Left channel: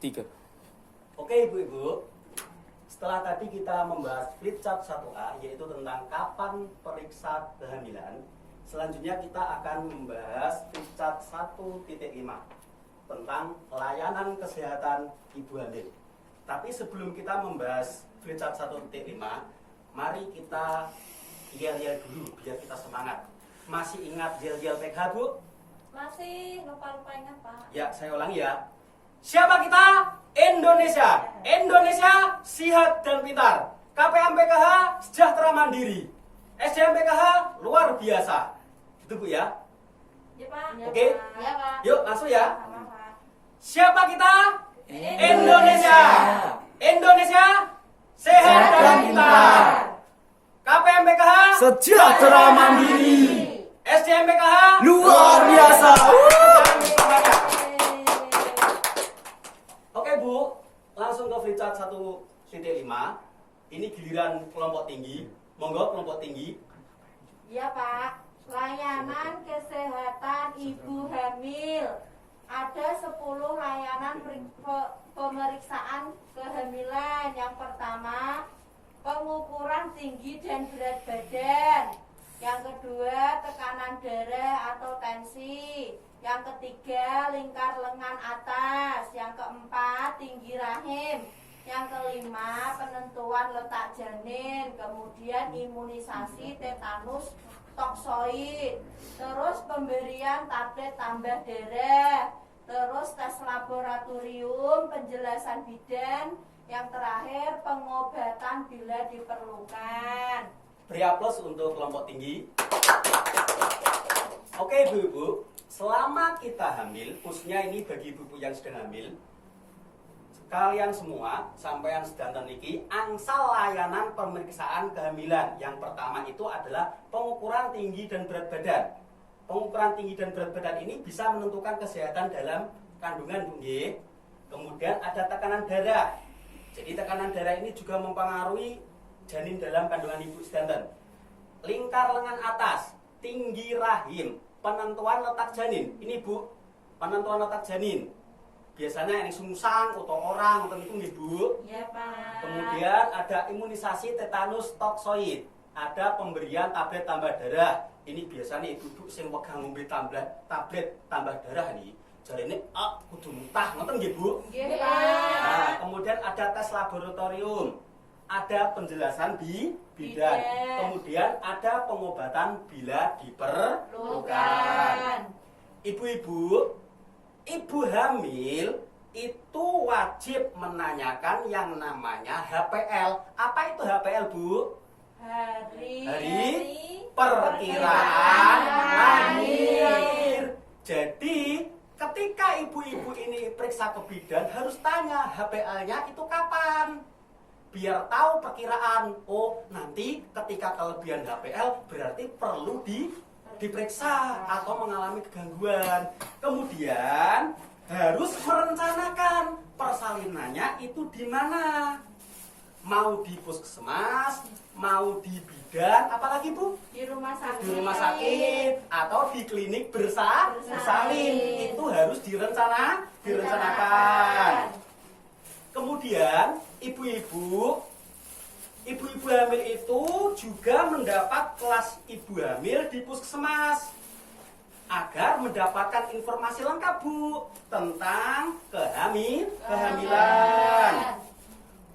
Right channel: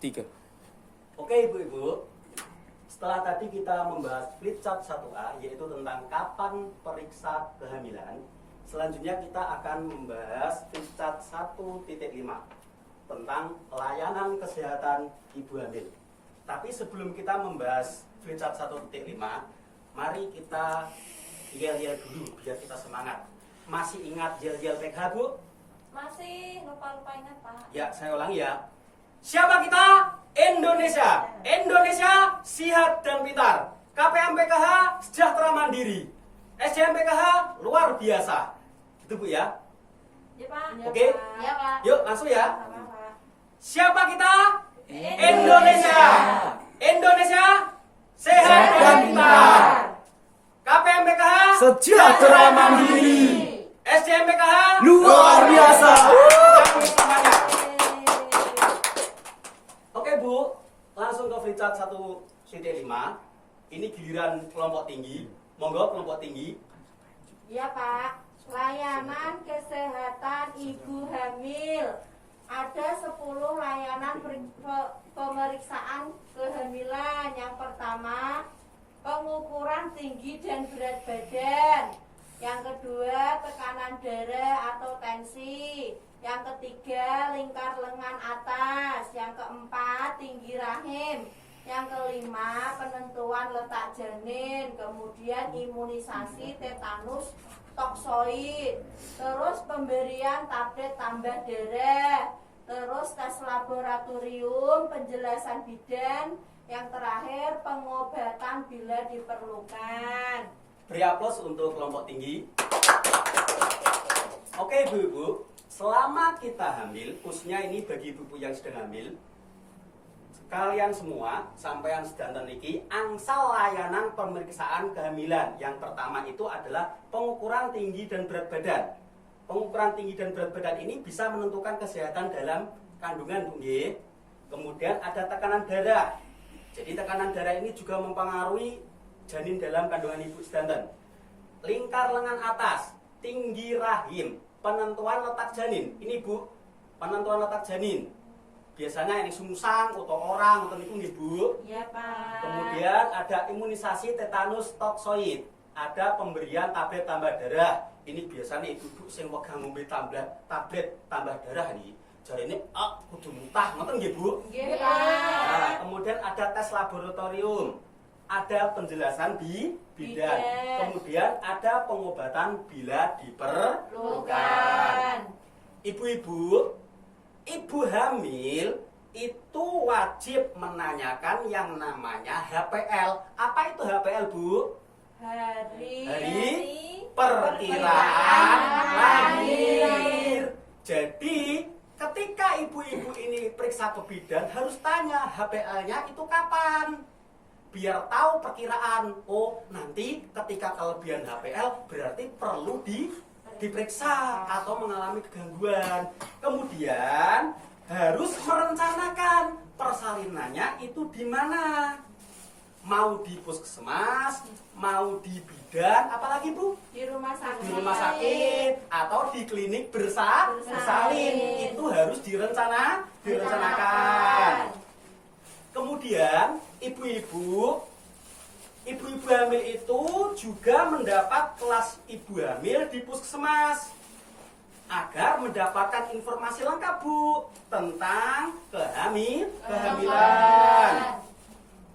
3. Oke ibu-ibu, setelah tadi kita membahas flipchart 1A, yaitu tentang kapan periksa kehamilan, selanjutnya kita akan membahas flipchart 1.5 tentang layanan kesehatan ibu hamil. Tapi sebelum kita membahas flipchart 1.5, mari kita yel-yel dulu biar kita semangat. Masih ingat yel-yel PK, Bu? Masih lupa-lupa ingat, Pak. Ya, saya ulangi ya. Siapa kita? Indonesia. Indonesia sihat dan pintar. KPM PKH sejahtera mandiri. SDM PKH luar biasa. Gitu Bu ya. Ya, Pak. Oke. Ya, Pak. Yuk langsung ya. Sama, Pak. Siapa kita? Indonesia. Indonesia sehat dan pintar. KPM PKH Sejahtera mandiri. SDM PKH Luar biasa. Kami semangat. Oke Bu, langsung ke flipchart 1.5. Ini giliran kelompok tinggi. Monggo kelompok tinggi. Ya, Pak. Layanan kesehatan ibu hamil. Ada 10 layanan pemeriksaan kehamilan. Yang pertama, pengukuran tinggi dan berat badan. Yang kedua, tekanan darah atau tensi. Yang ketiga, lingkar lengan atas. Yang keempat, tinggi rahim. Yang kelima, penentuan letak janin. Kemudian imunisasi tetanus toksoid. Terus pemberian tablet tambah darah. Terus tes laboratorium, penjelasan bidan. Yang terakhir, pengobatan bila diperlukan. Beri aplaus untuk kelompok tinggi. Oke ibu-ibu, selama kita hamil, khususnya ini bagi ibu-ibu yang sedang hamil, kalian semua, sampean sedanten niki, angsal layanan pemeriksaan kehamilan. Yang pertama itu adalah pengukuran tinggi dan berat badan. Pengukuran tinggi dan berat badan ini bisa menentukan kesehatan dalam kandungan, Bu nggih. Kemudian ada tekanan darah. Jadi tekanan darah ini juga mempengaruhi janin dalam kandungan ibu sedanten. Lingkar lengan atas, tinggi rahim, penentuan letak janin. Ini Bu, penentuan letak janin. Biasanya yang sungsang atau orang atau itu nggih Bu. Ya, Pak. Kemudian ada imunisasi tetanus toksoid. Ada pemberian tablet tambah darah. Ini biasanya ibu-ibu sing pegang ngombe tablet tambah darah nih. Jarine kudu muntah, ngoten nggih Bu? Nggih, Pak. Nah, kemudian ada tes laboratorium. Ada penjelasan bidan. Kemudian ada pengobatan bila diperlukan. Ibu-ibu, ibu hamil itu wajib menanyakan yang namanya HPL. Apa itu HPL, Bu? Hari perkiraan lahir. Jadi, ketika ibu-ibu ini periksa ke bidan, harus tanya HPL-nya itu kapan? Biar tahu perkiraan. Oh, nanti ketika kelebihan HPL berarti perlu diperiksa atau mengalami kegangguan. Kemudian harus merencanakan persalinannya itu di mana. Mau di puskesmas, mau di bidan, apalagi Bu? Di rumah sakit. Di rumah sakit atau di klinik bersalin. Itu harus direncanakan. Kemudian ibu-ibu hamil itu juga mendapat kelas ibu hamil di puskesmas agar mendapatkan informasi lengkap Bu tentang kehamilan.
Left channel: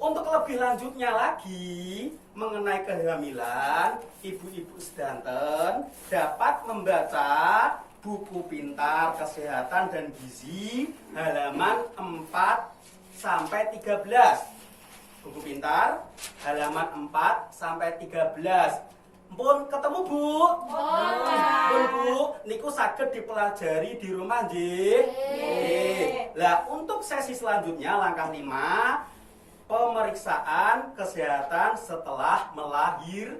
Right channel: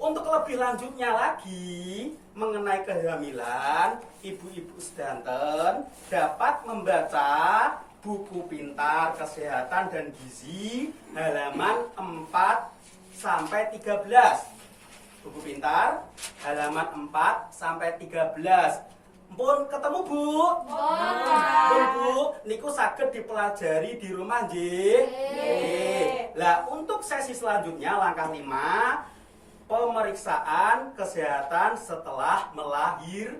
Untuk lebih lanjutnya lagi mengenai kehamilan, ibu-ibu sedanten dapat membaca buku pintar kesehatan dan gizi halaman 4-13. Buku pintar halaman 4-13. Pun ketemu Bu? Pun Bu, niku saged dipelajari di rumah nggih. Lah, untuk sesi selanjutnya langkah 5, pemeriksaan kesehatan setelah melahirkan.